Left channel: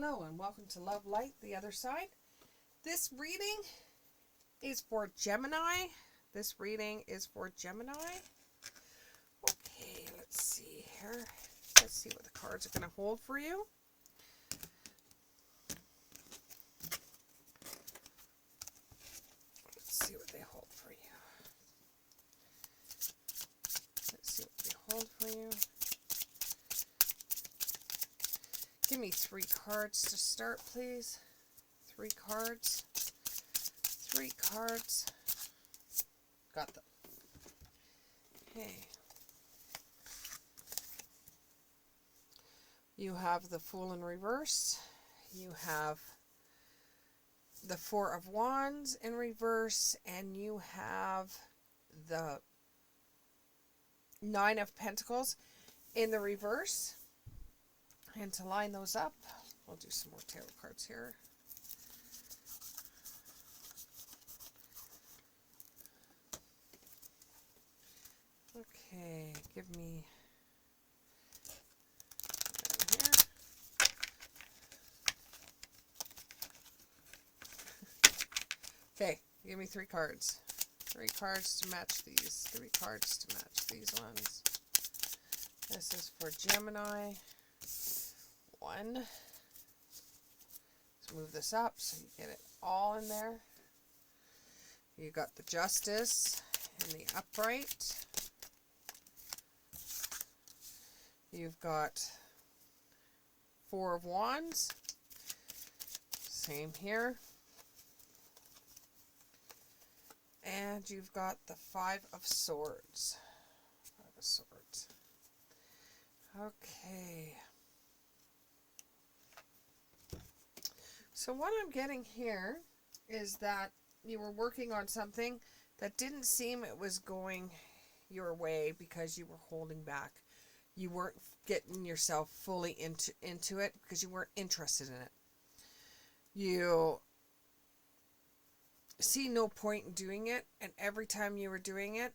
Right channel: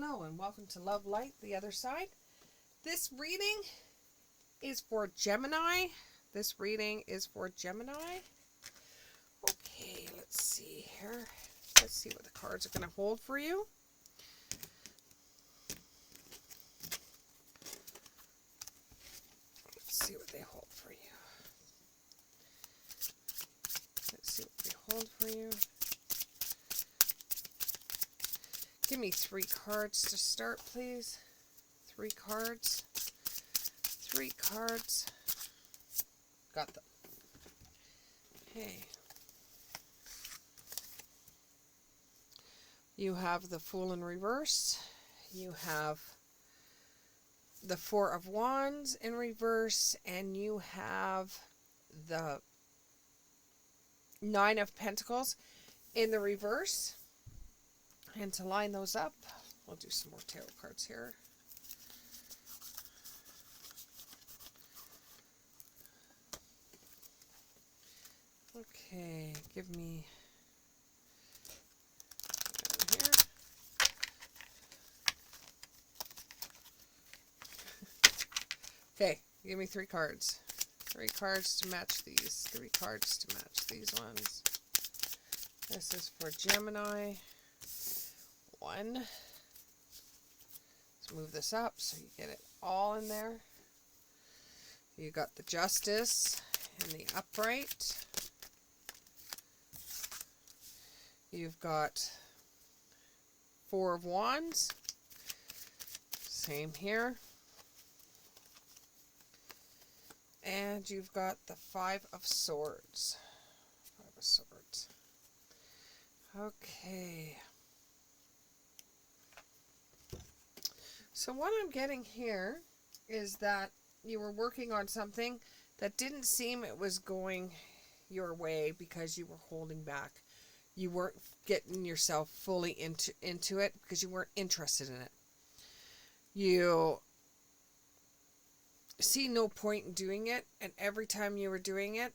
Hello and welcome to Love Light, the other side. This reading is for Gemini. Okay, let's see here. Let's see what the cards are going to hold for you. Let's see what they hold for you. Give me 3 cards to start, please. 3 cards. 3 cards. Got them. Okay. You have the Fool in reverse. You have the 4 of Wands in reverse. And you have the 9 of Pentacles in the reverse. And to line those up, we'll do some more tarot cards here. Okay, give me here. Okay, give me 3 cards. 3 cards to match these. 3 cards to match these ones. This is for Gemini. 1. Let's move this up so you get it all in there. You got the Justice and the Upright. You've got 4 of Wands. Same here. And you've got the 5 of Swords. 5 of Swords. Okay. So what I'm getting here is that you were working on something that didn't seem it was going your way because you were holding back. You weren't getting yourself fully into it because you weren't interested in it. You see no point in doing it, and every time you were doing it,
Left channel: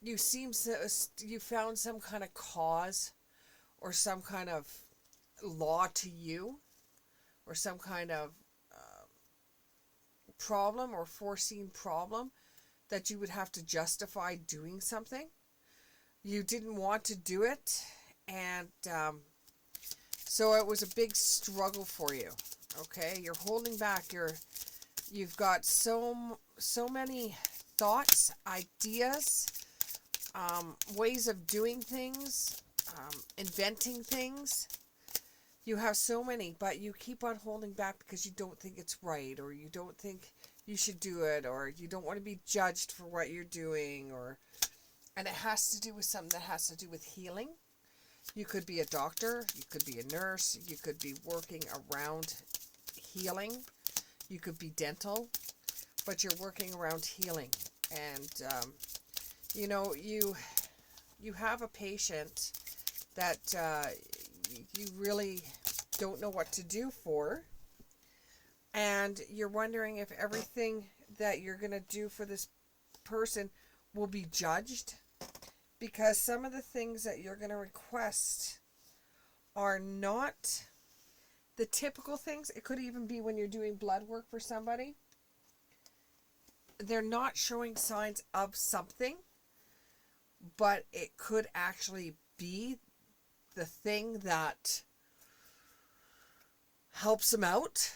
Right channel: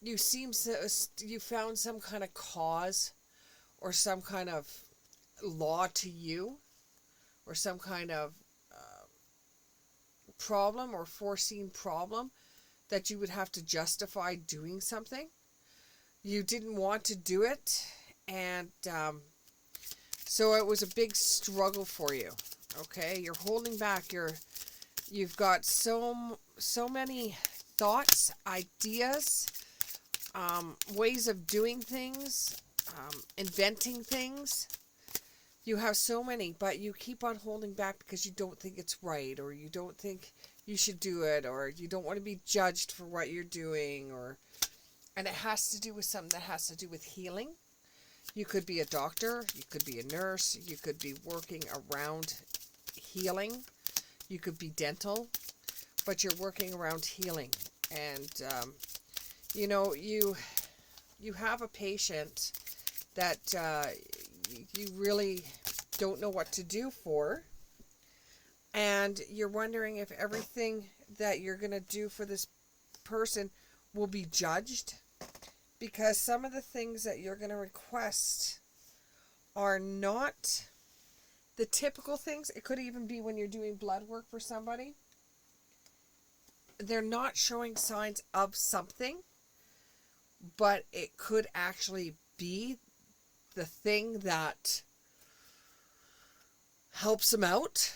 you found some kind of cause or some kind of law to you, or some kind of problem or foreseen problem that you would have to justify doing something. You didn't want to do it, and so it was a big struggle for you. Okay, you're holding back. You've got so many thoughts, ideas, ways of doing things, inventing things. You have so many, but you keep on holding back because you don't think it's right, or you don't think you should do it, or you don't want to be judged for what you're doing, and it has to do with something that has to do with healing. You could be a doctor, you could be a nurse, you could be working around healing, you could be dental, but you're working around healing. And you have a patient that you really don't know what to do for, and you're wondering if everything that you're going to do for this person will be judged, because some of the things that you're going to request are not the typical things. It could even be when you're doing blood work for somebody. They're not showing signs of something, but it could actually be the thing that helps them out.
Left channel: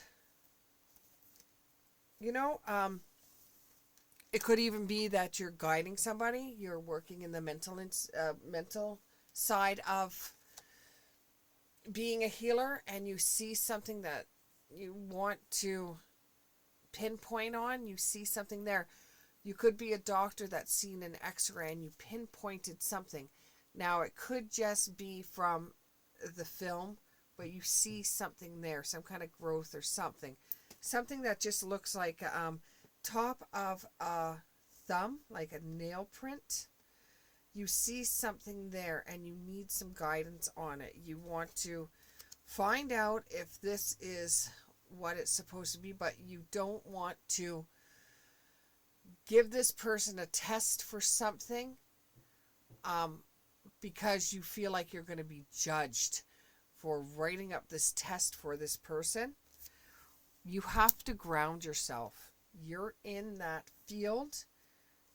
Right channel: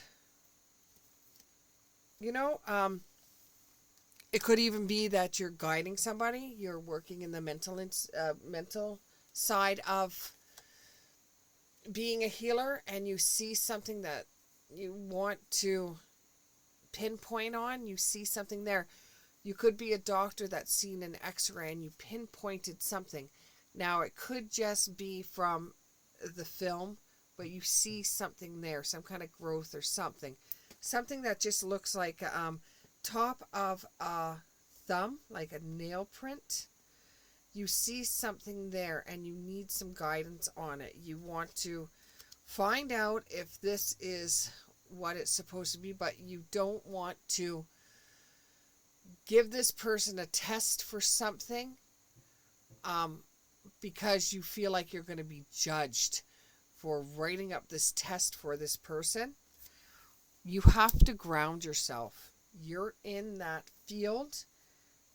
It could even be that you're guiding somebody. You're working in the mental side of being a healer, and you see something that you want to pinpoint on. You see something there. You could be a doctor that's seen an x-ray and you pinpointed something. Now, it could just be from the film, but you see something there, some kind of growth or something. Something that just looks like top of a thumb, like a nail print. You see something there and you need some guidance on it. You want to find out if this is what it's supposed to be, but you don't want to give this person a test for something because you feel like you're going to be judged for writing up this test for this person, you have to ground yourself. You're in that field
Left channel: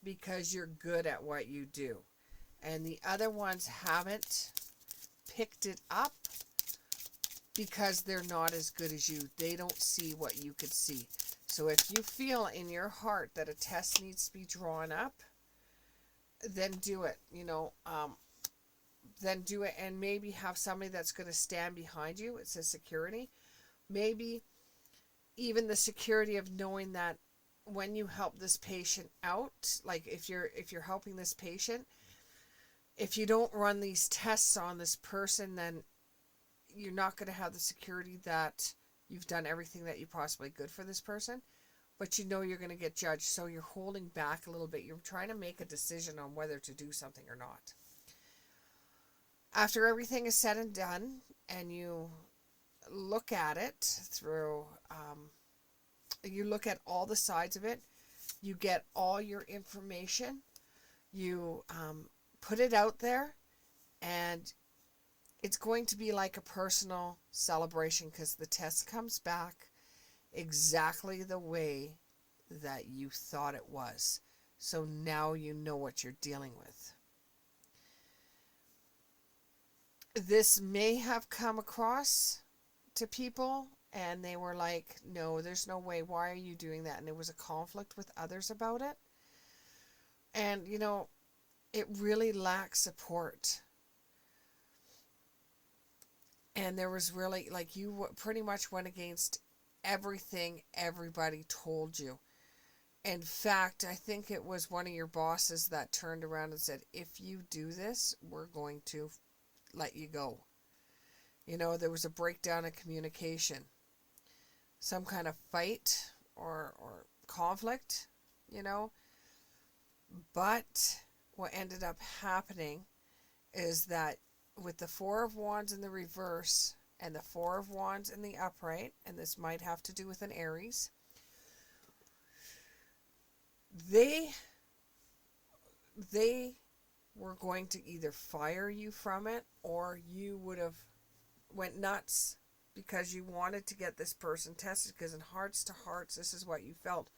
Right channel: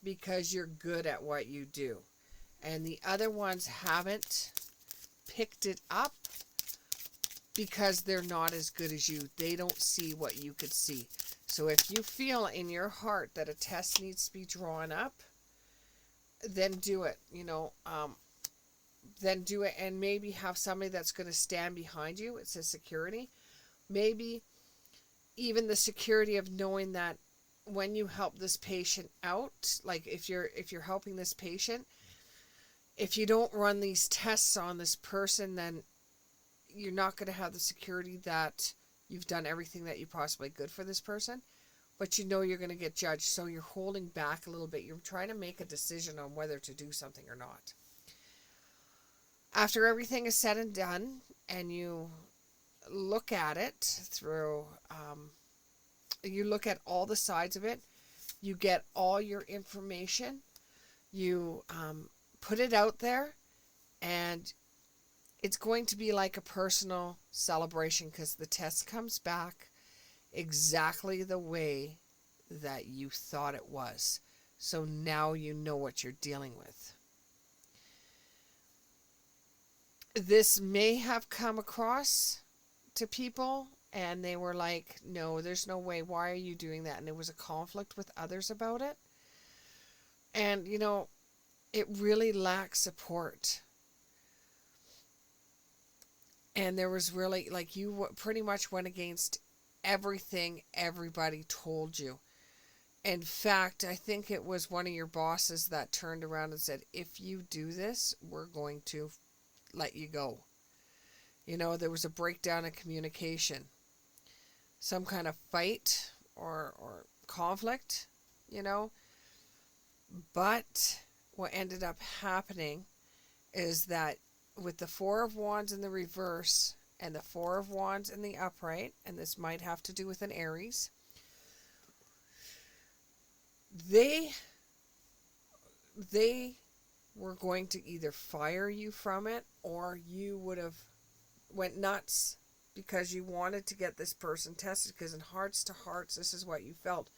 because you're good at what you do. And the other ones haven't picked it up because they're not as good as you. They don't see what you could see. So if you feel in your heart that a test needs to be drawn up, then do it, then do it, and maybe have somebody that's going to stand behind you. It says security. Maybe even the security of knowing that when you help this patient out, like if you're helping this patient, if you don't run these tests on this person, then you're not going to have the security that you've done everything that you possibly could for this person, but you're going to get judged. So you're holding back a little bit. You're trying to make a decision on whether to do something or not. After everything is said and done, and you look at it through, you look at all the sides of it, you get all your information, you put it out there, and it's going to be like a personal celebration because the test comes back exactly the way that you thought it was. So now you know what you're dealing with. This may have come across to people and they were like, no, there's no way. Why are you doing that? And there was a conflict with others about it. And, it really lacks support. And there was really, like, you pretty much went against everything everybody told you. In fact, I think it was one of your bosses that turned around and said, if you do this, we're going to let you go. There was a breakdown in communication. Some kind of fight or conflict, But what ended up happening is that with the Four of Wands in the reverse and the Four of Wands in the upright, and this might have to do with an Aries, they were going to either fire you from it, or you would have went nuts because you wanted to get this person tested, because in hearts to hearts, this is what you felt.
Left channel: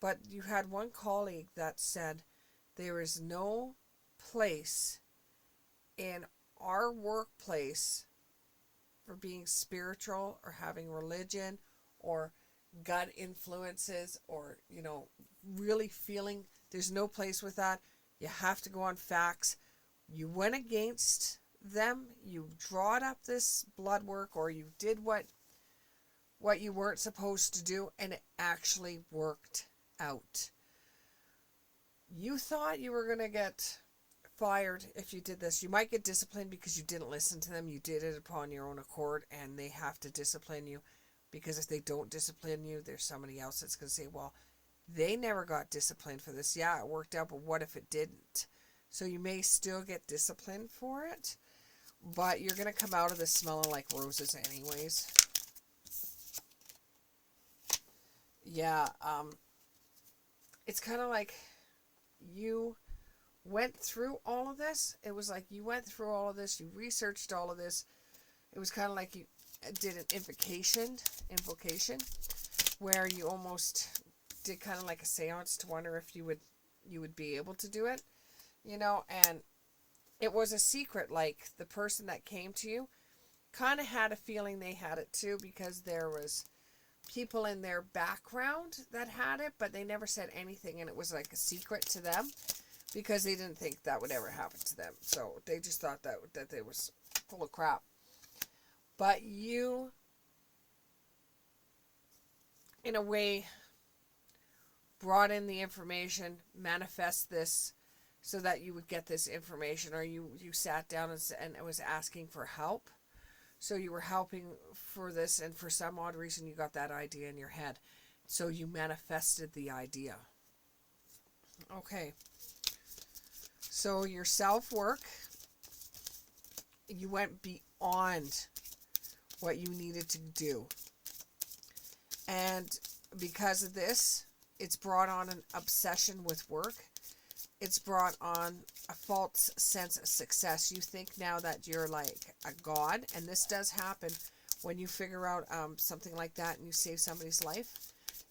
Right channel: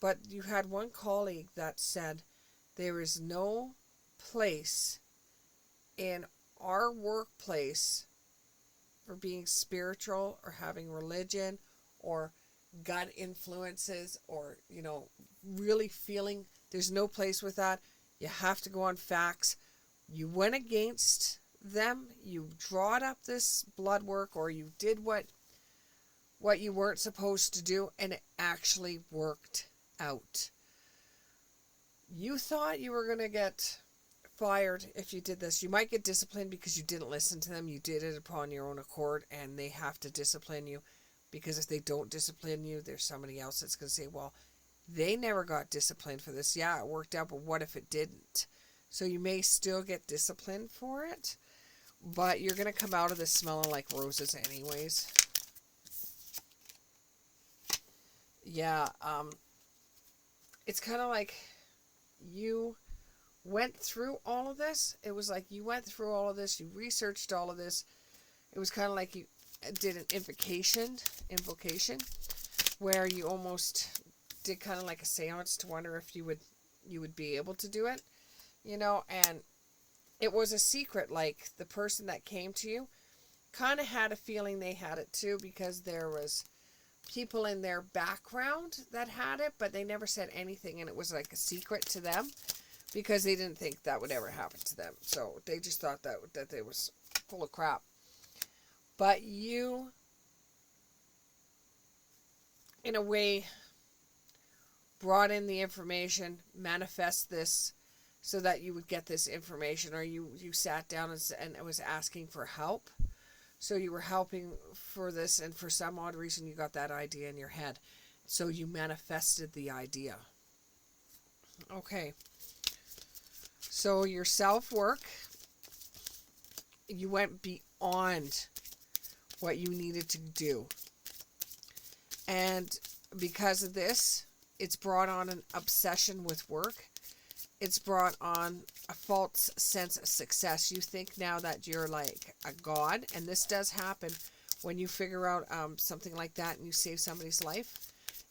But you had one colleague that said, there is no place in our workplace for being spiritual or having religion or gut influences or, really feeling. There's no place with that. You have to go on facts. You went against them. You drawed up this blood work, or you did what you weren't supposed to do, and it actually worked out. You thought you were going to get fired if you did this. You might get disciplined because you didn't listen to them. You did it upon your own accord, and they have to discipline you, because if they don't discipline you, there's somebody else that's going to say, well, they never got disciplined for this. Yeah, it worked out, but what if it didn't? So you may still get disciplined for it, but you're going to come out of this smelling like roses anyways. Yeah, it's kind of like you went through all of this. It was like you went through all of this, you researched all of this. It was kind of like you did an invocation, where you almost did kind of like a seance to wonder if you would be able to do it, and it was a secret. Like, the person that came to you kind of had a feeling they had it too, because there was people in their background that had it, but they never said anything, and it was like a secret to them because they didn't think that would ever happen to them. So they just thought that they was full of crap. But you, in a way, brought in the information, manifest this so that you would get this information, or you sat down and was asking for help. So you were helping for this, and for some odd reason you got that idea in your head. So you manifested the idea. Okay. So your self-work, you went beyond what you needed to do. And because of this, it's brought on an obsession with work. it's brought on a false sense of success. You think now that you're like a god, and this does happen when you figure out something like that and you save somebody's life.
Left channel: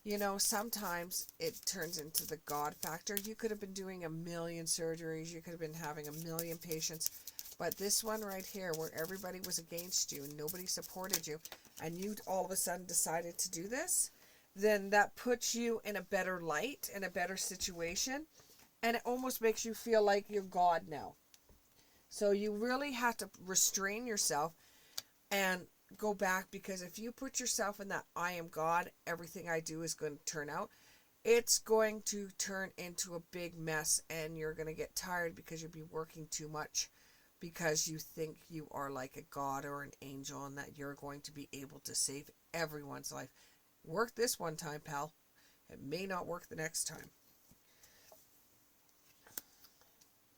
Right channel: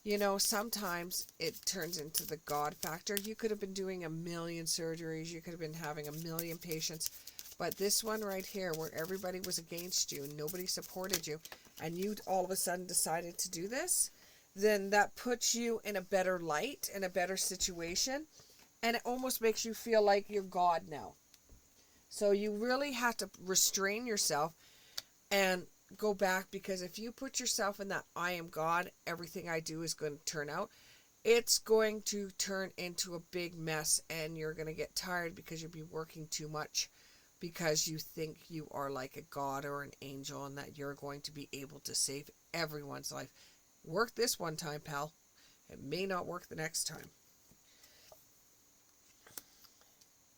You know, sometimes it turns into the God factor. You could have been doing a million surgeries. You could have been having a million patients. But this one right here, where everybody was against you and nobody supported you, and you all of a sudden decided to do this, then that puts you in a better light, in a better situation. And it almost makes you feel like you're God now. So you really have to restrain yourself and go back, because if you put yourself in that I am God, everything I do is going to turn out, it's going to turn into a big mess, and you're going to get tired because you'll be working too much because you think you are like a god or an angel and that you're going to be able to save everyone's life. Work this one time, pal. It may not work the next time.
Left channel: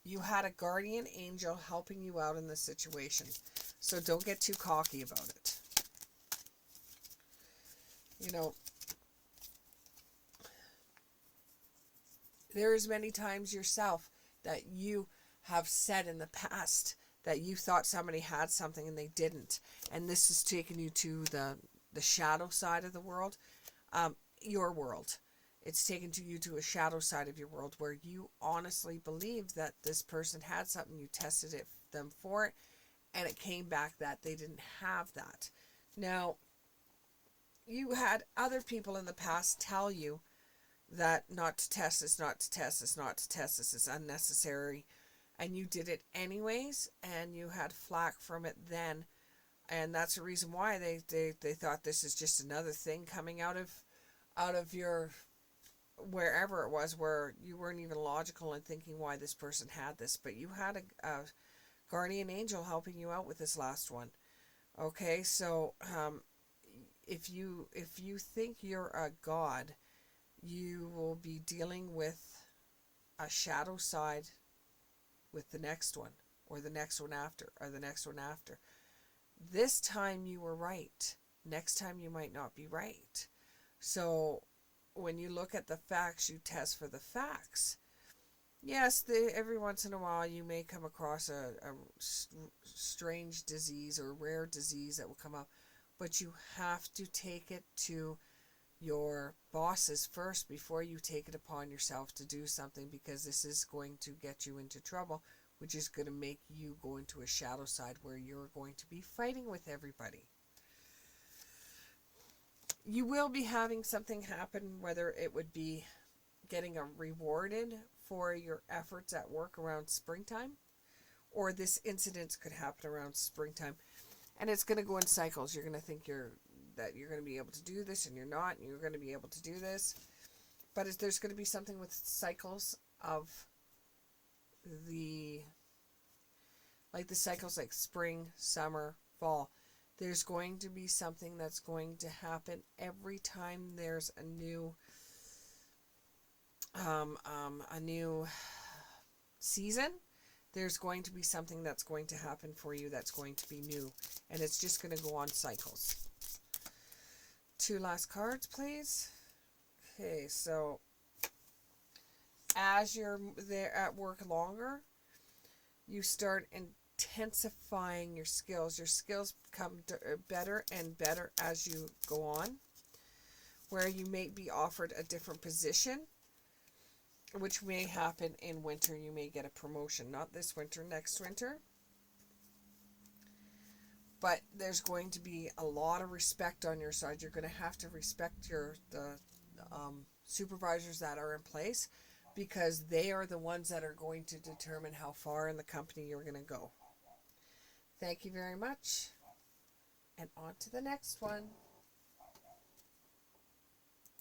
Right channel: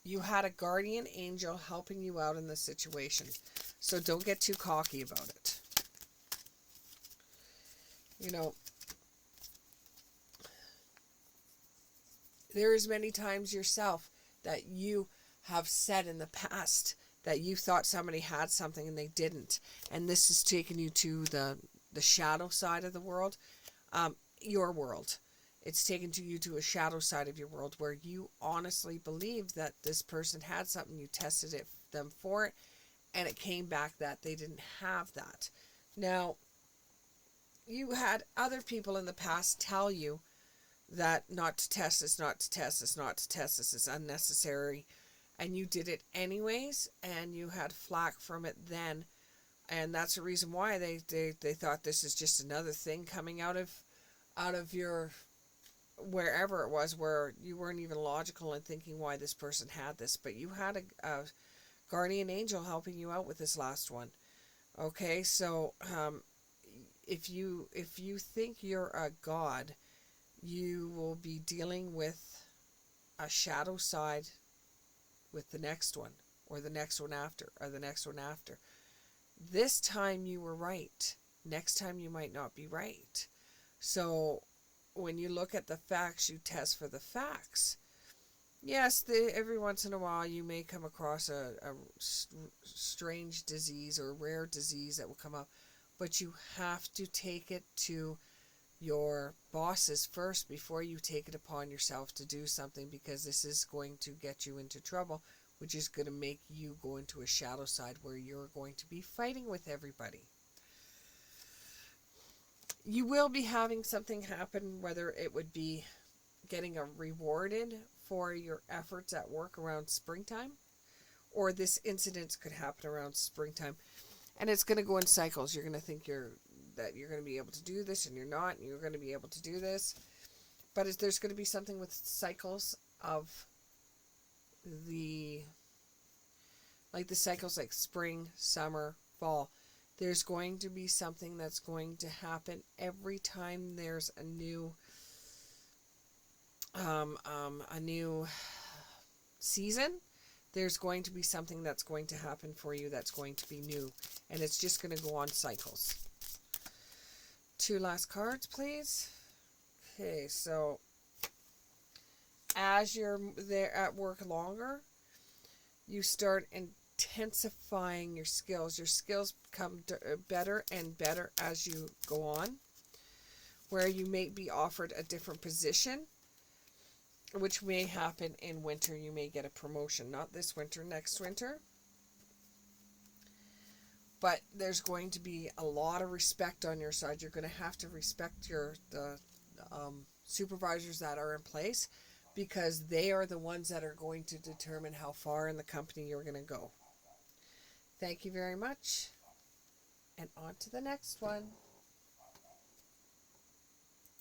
You had a guardian angel helping you out in this situation. So don't get too cocky about it. You know, there is many times yourself that you have said in the past that you thought somebody had something and they didn't. And this has taken you to the shadow side of the world, your world. It's taken you to a shadow side of your world where you honestly believed that this person had something. You tested them for it, and it came back that they didn't have that. Now, you had other people in the past tell you that not to test this, not to test this, not to test this, is unnecessary, and you did it anyways, and you had flack from it then, and that's the reason why they thought this is just another thing coming out of your wherever it was, where you weren't even logical in thinking why this person had this, but you had a guardian angel helping you out with this last one. Okay, so if you think you're a god, you will be dealing with a shadow side with the next one, or the next one after, or the next one after. This time you were right. Next time you might not be right. So when you look at the facts, you test for the facts. Yes, every once in a while you may come across a strange disease or rare disease that will come up, but you have to take it to your bosses first before you take it upon yourself to do something, because this is going to get you into trouble, which is going to make you go into a shadow side where you're going to be fighting with everybody. You will be having something happen, whether it would be getting a rewarded for your efforts at work around springtime, or this incident could happen around springtime, and it's going to go in cycles. You're going to think that you're going to be able to do this, and you're not, and you're going to be able to do this, but there's going to be something with cycles of the cycles like spring, summer, fall. There's going to be something that's going to happen every time there's a new season. There's going to be something that's going to happen for you that's going to be new, and it's just going to go on cycles. 2 last cards, please. Okay, so as you're there at work longer, you start intensifying your skills. Your skills become better and better as you go on, where you may be offered a different position, which may happen in winter. You may get a promotion, not this winter, next winter. But there's going to be a lot of respect on your side. You're going to have to respect the supervisors that are in place, because they are the ones that are going to determine how far in the company you're going to go. Thank you very much, and on to the next one.